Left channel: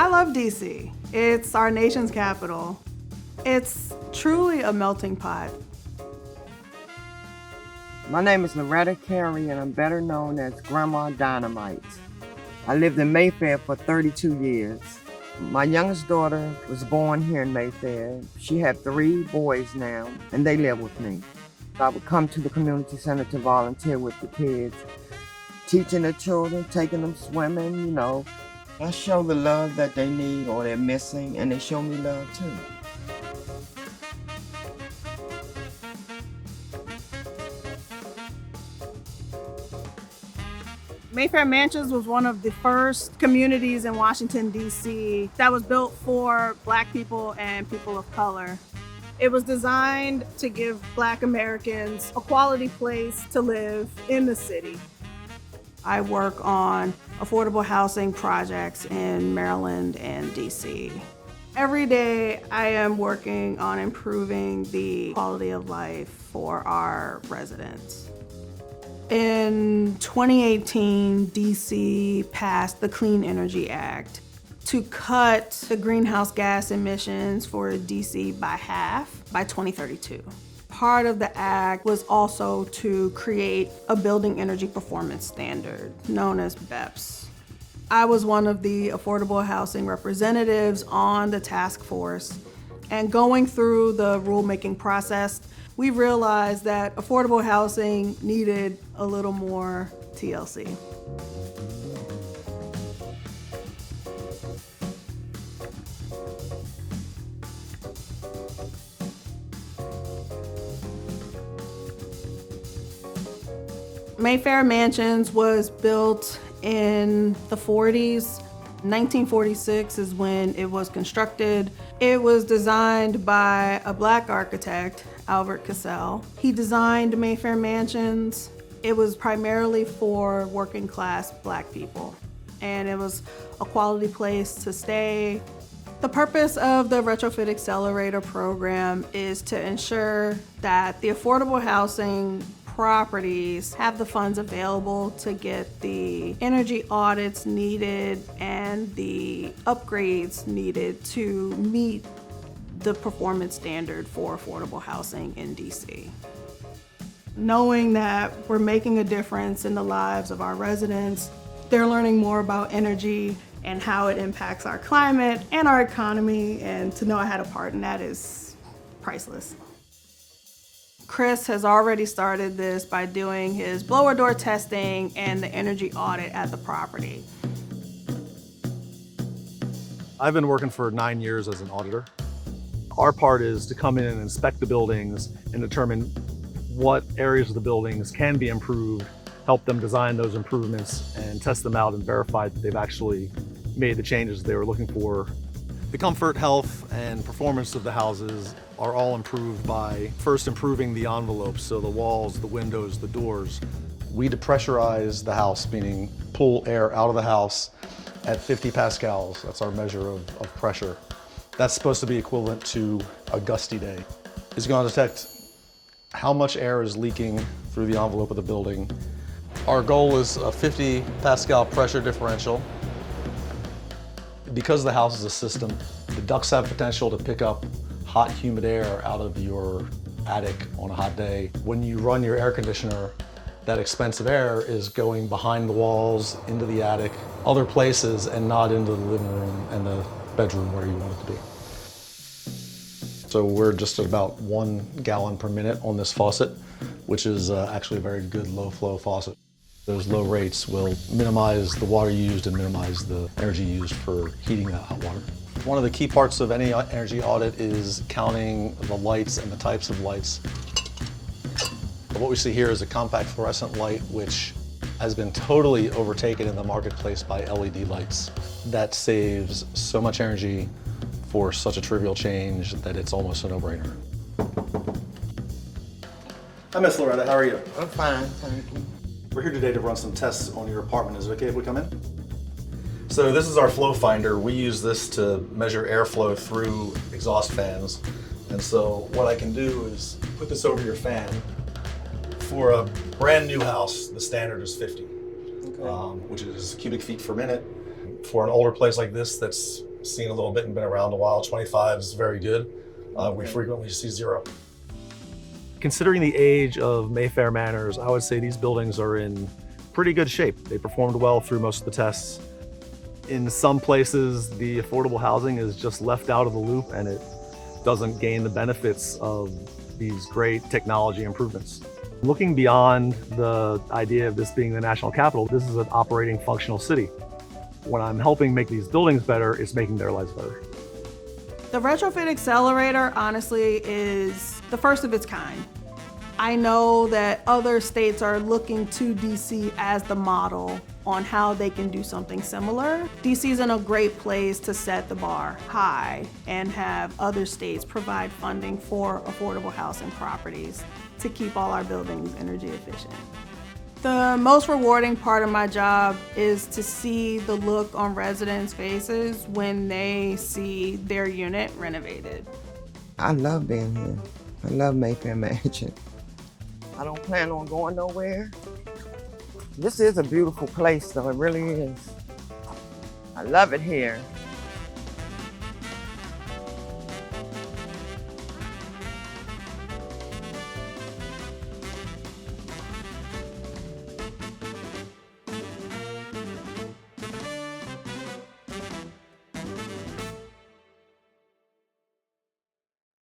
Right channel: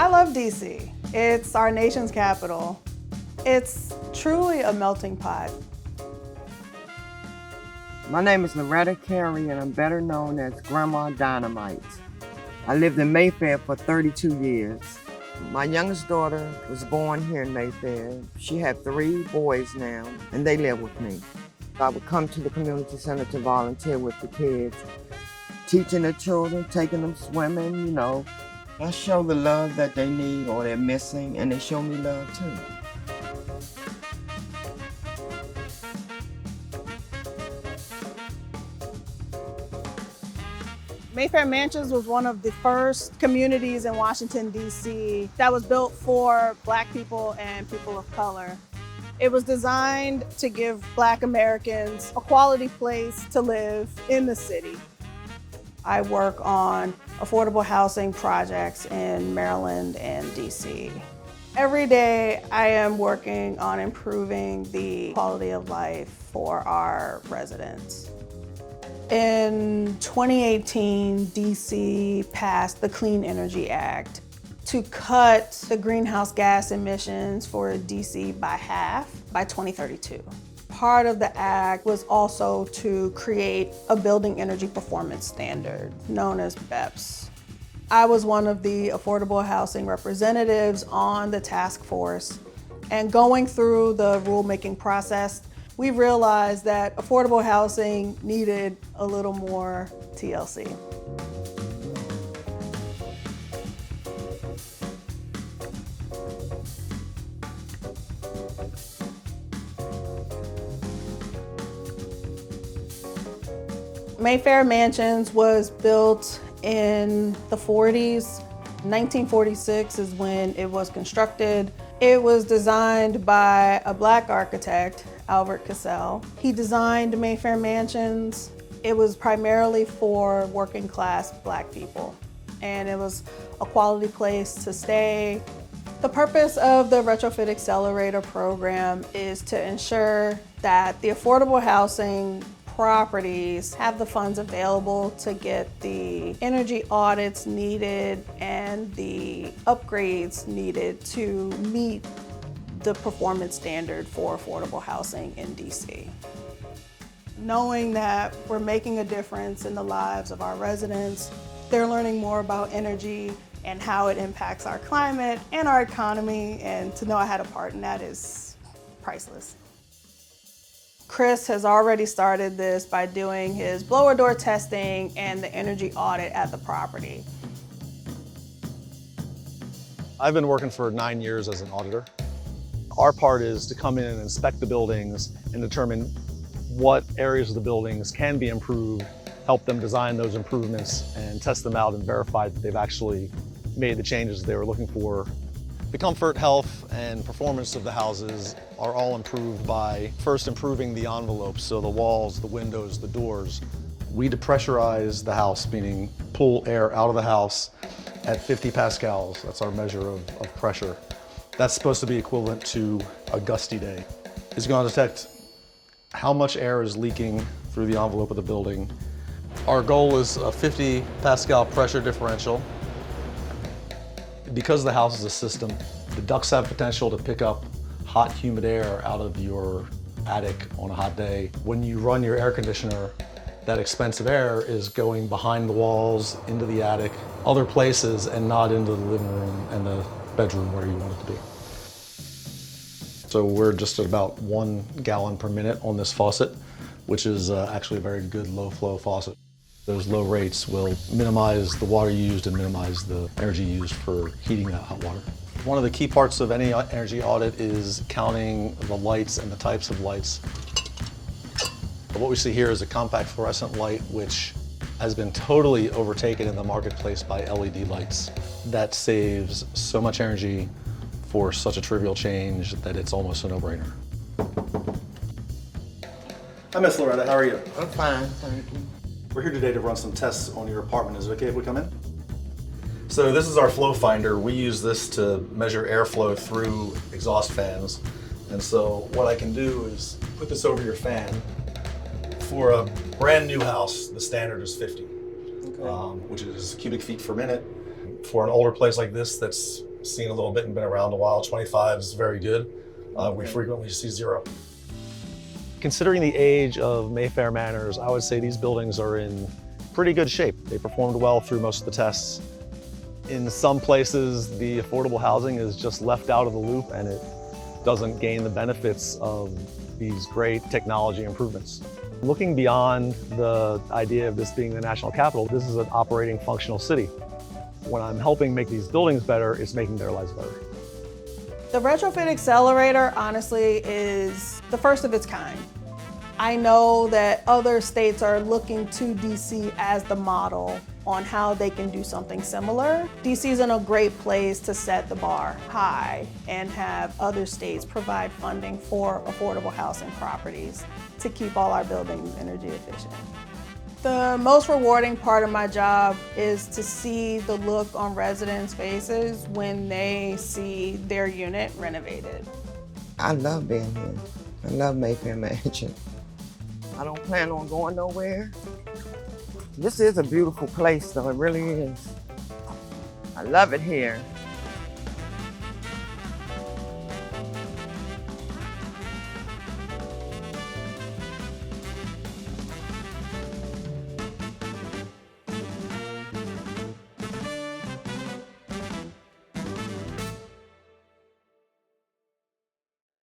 I love DC. It's our nation's capital. It's truly a melting pot. My name is Loretta Carey, and I'm better known as Grandma Dynamite. I lived in Mayfair for 32 years. My youngest daughter was born here in Mayfair. She had 3 boys now, and they live with me. I would come to the community center to volunteer with the kids, teaching the children, taking them swimming, you know. I show the love that they need or they're missing, and they show me love too. Mayfair Mansions was one of the first communities in Washington, D.C. that was built for Black people and people of color. It was designed to give Black Americans a quality place to live in the city. I work on affordable housing projects in Maryland and D.C. Every day I am working on improving the quality of life for our residents. In 2018, DC passed the Clean Energy Act to cut the greenhouse gas emissions for DC by half by 2032. Part of the act was also to create a building energy performance standard known as BEPS. I was one of the affordable housing representatives on the task force, and going through the rulemaking process, we realized that affordable housing needed a little more TLC. Mayfair Mansions was built in the 40s. 1946 is when it was constructed. It was designed by a Black architect, Albert Cassell. He designed Mayfair Mansions. It was primarily for working class Black people, and it was a quality place to stay. The purpose of the Retrofit Accelerator program is to ensure that the affordable housing properties have the funds available to get the energy audits needed and the upgrades needed to meet the performance standard for affordable housing in DC. Knowing that we're making a difference in the lives of our residents, they're learning more about energy and how it impacts our climate and our economy, and to know I had a part in that is priceless. Chris has already started this by doing his blower door testing and the energy audit at the property. I've been working for 9 years as an auditor. Our part is to come in and inspect the buildings and determine what areas of the buildings can be improved, help them design those improvements, and test them out and verify that they've actually made the changes they were looking for. The comfort, health, and performance of the houses are all improved by first improving the envelopes, so the walls, the windows, the doors. We depressurize the house, meaning pull air out of the house at 50 pascals. That's our measure of pressure. That's supposed to be equivalent to a gusty day. It's going to detect how much air is leaking through the envelope of the building. Our goal is a 50 Pascal pressure differential. Because the house is a system, the ducts have potential to pick up hot, humid air out of your attic on a hot day. When you run your air conditioner, that expensive air is going behind the walls, into the attic, other places, and not into the living room and the bedroom where you want it to be. So we're just at about 1 gallon per minute on this faucet, which is actually a very good low flow faucet. Those low rates will minimize the water used and minimize the energy used for heating that hot water. One of the key parts of any energy audit is counting the lights and the types of lights. What we see here is a compact fluorescent light, which has been totally overtaken in the marketplace by LED lights. That saves so much energy for such a trivial change that it's almost a no-brainer. Hi, Miss Loretta, how are you? I'm fine, thank you. We're here today to run some tests on your apartment. Is it okay if we come in? So this is our flow finder. We use this to measure airflow through exhaust fans. And so what I can do is put this over your fan. For a brand new house, the standard is 50, which is cubic feet per minute. For an older place like this that's seen a little bit and been around a while. 25 is very good. We frequently see 0. Considering the age of Mayfair Manors, I would say these buildings are in pretty good shape. They performed well through most of the tests. In some places, the affordable housing is just left out of the loop and it doesn't gain the benefits of these great technology improvements. Looking beyond the idea of this being the national capital, this is an operating functional city. When I'm helping make these buildings better, it's making their lives better. The Retrofit Accelerator, honestly, is the first of its kind. I know that other states are looking to DC as the model on how they can do something similar. DC's in a great place to set the bar high and have other states provide funding for affordable housing properties to keep all our buildings energy efficient. The most rewarding part of my job is to see the look on residents' faces when they see their unit renovated. I love being here. I love Mayfair Mansion. I don't plan on going nowhere. This is a beautiful place, though. It really is. I love it here.